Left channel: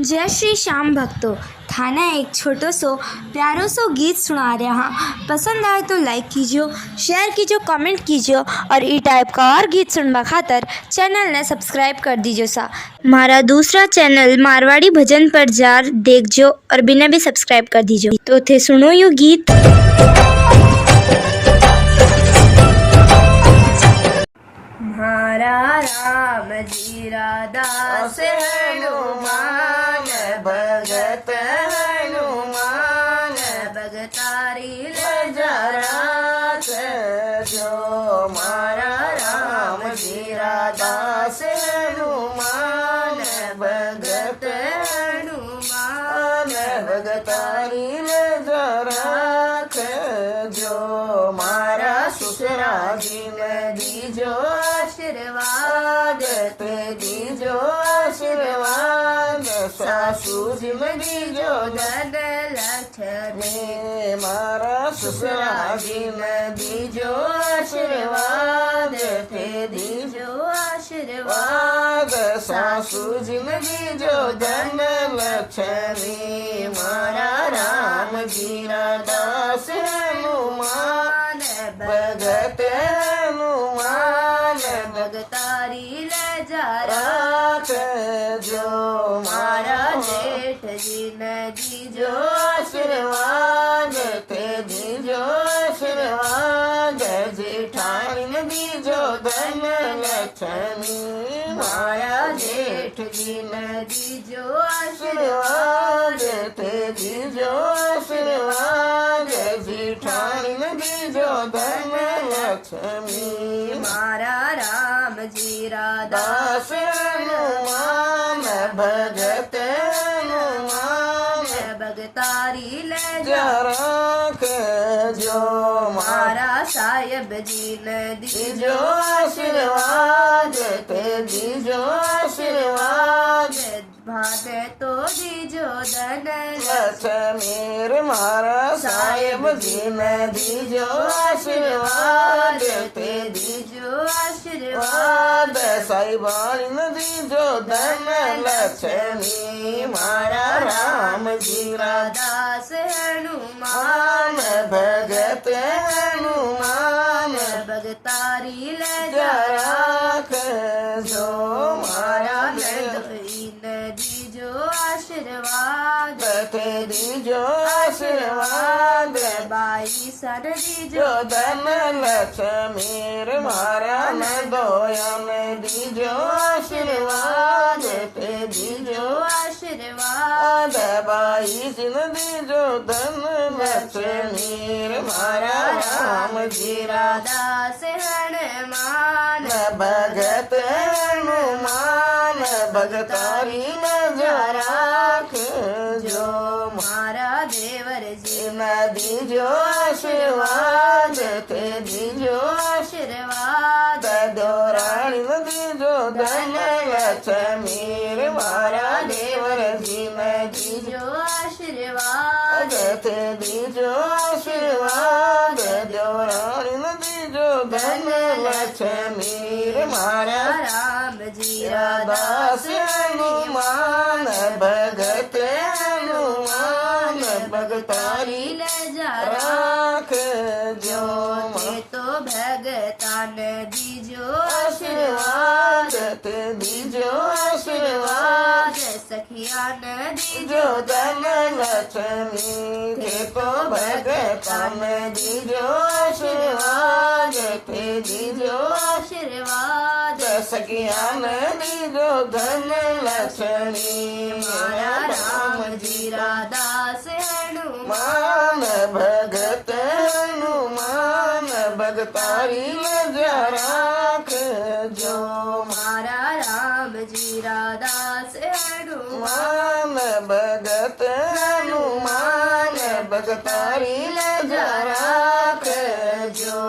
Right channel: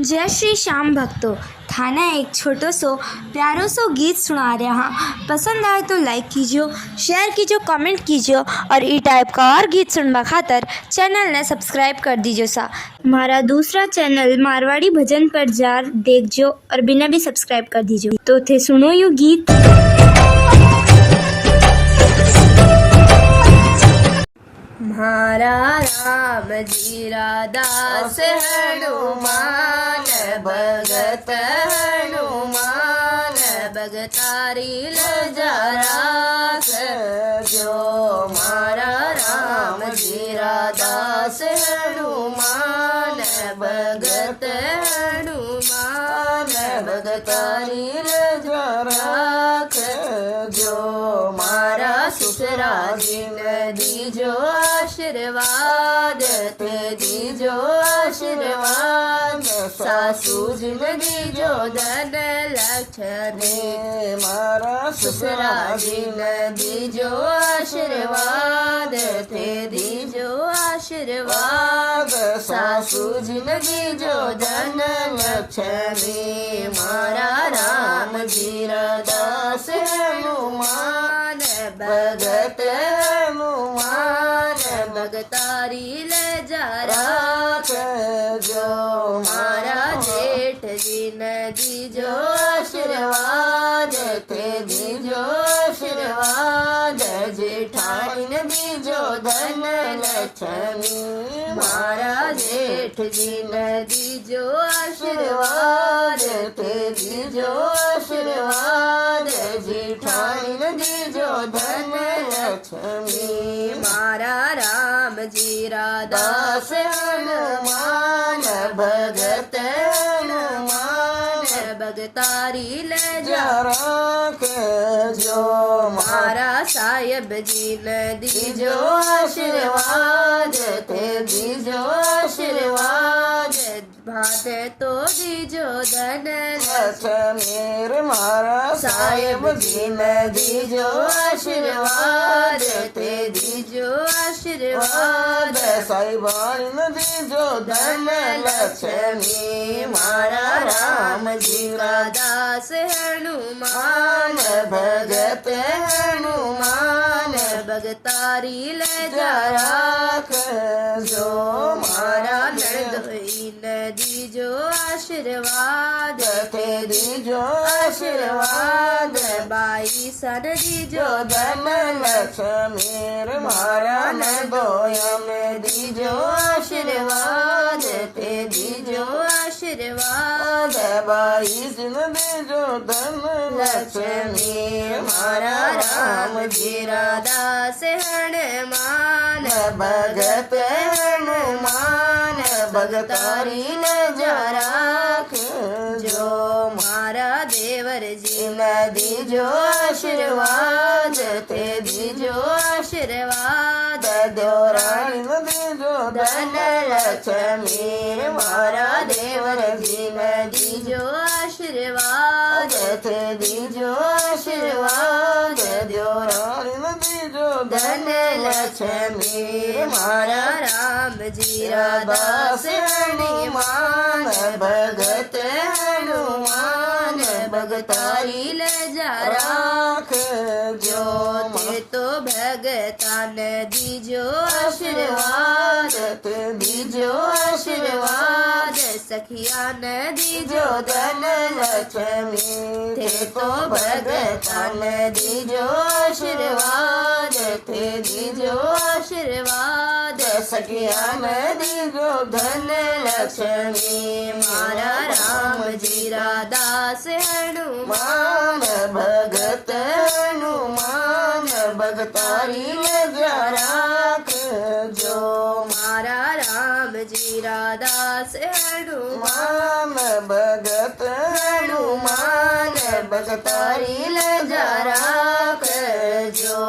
जय श्री श्याम भक्तों, थाना एक छोटो सो प्यारो सो गीत सुना रहा हाँ। पसंद आए तो लाइक कीजिए, शेयर कीजिए, कमेंट कीजिए और ई टाइप का और गीत सुनवा खातर चैनल ने सब्सक्राइब कर दीजिए सा। मारा दूसरा चैनल मारवाड़ी भजन पर जार देखजो और बिना भी सब्सक्राइब कर दीजिए। तो थे सुनो यू गीत। मारा राम जी दास हनुमान भगत हनुमान भगतारी लजरास जो। मारा राम जी दास हनुमान भगत हनुमान भगतारी लजरास जो। मारा ससुरा जी में दीजो आशीर्वाद ते दीजो आशीर्वाद सासू जी में दीजो धन लक्ष्मी। मारा ससुरा जी में दीजो आशीर्वाद ते दीजो आशीर्वाद सासू जी में दीजो धन लक्ष्मी। मारा राम जी दास हनुमान भगत हनुमान भगतारी लजरास जो। मारा जेठ जी ने दीजो आशीर्वाद ते दीजो आशीर्वाद जेठानी ने दीजो धन लक्ष्मी। मारा जेठ जी ने दीजो आशीर्वाद ते दीजो आशीर्वाद जेठानी ने दीजो धन लक्ष्मी। मारा राम जी दास हनुमान भगत हनुमान भगतारी लजरास जो। मारा साहेब जी ने दीजो आशीर्वाद ते दीजो आशीर्वाद भाते तो दीजो धन लक्ष्मी। मारा साहेब जी ने दीजो आशीर्वाद ते दीजो आशीर्वाद साहिबानी ने दीजो धन लक्ष्मी। मारा राम जी दास हनुमान भगत हनुमान भगतारी लजरास जो। मारा नंदोई ने दीजो आशीर्वाद ते दीजो आशीर्वाद बाई सन दीजो धन लक्ष्मी। मारा नंदोया में दीजो आशीर्वाद ते दीजो आशीर्वाद बाई सन दीजो धन लक्ष्मी। मारा राम जी दास हनुमान भगत हनुमान भगतारी लजरास जो। मारा देवर जी ने दीजो आशीर्वाद ते दीजो आशीर्वाद देवरानी ने दीजो धन लक्ष्मी। मारा देवर जी ने दीजो आशीर्वाद ते दीजो आशीर्वाद देवरानी ने दीजो धन लक्ष्मी। मारा राम जी दास हनुमान भगत हनुमान भगतारी लजरास जो। ते तो भगतान दीजो आशीर्वाद ते दीजो आशीर्वाद सखिया ने दीजो धन लक्ष्मी। ते तो भगतान दीजो आशीर्वाद ते दीजो आशीर्वाद सखिया में दीजो धन लक्ष्मी। मारा राम जी दास हनुमान भगत हनुमान भगतारी लजरास जो। मारा राम जी दास हनुमान भगत हनुमान भगतारी लजरास जो।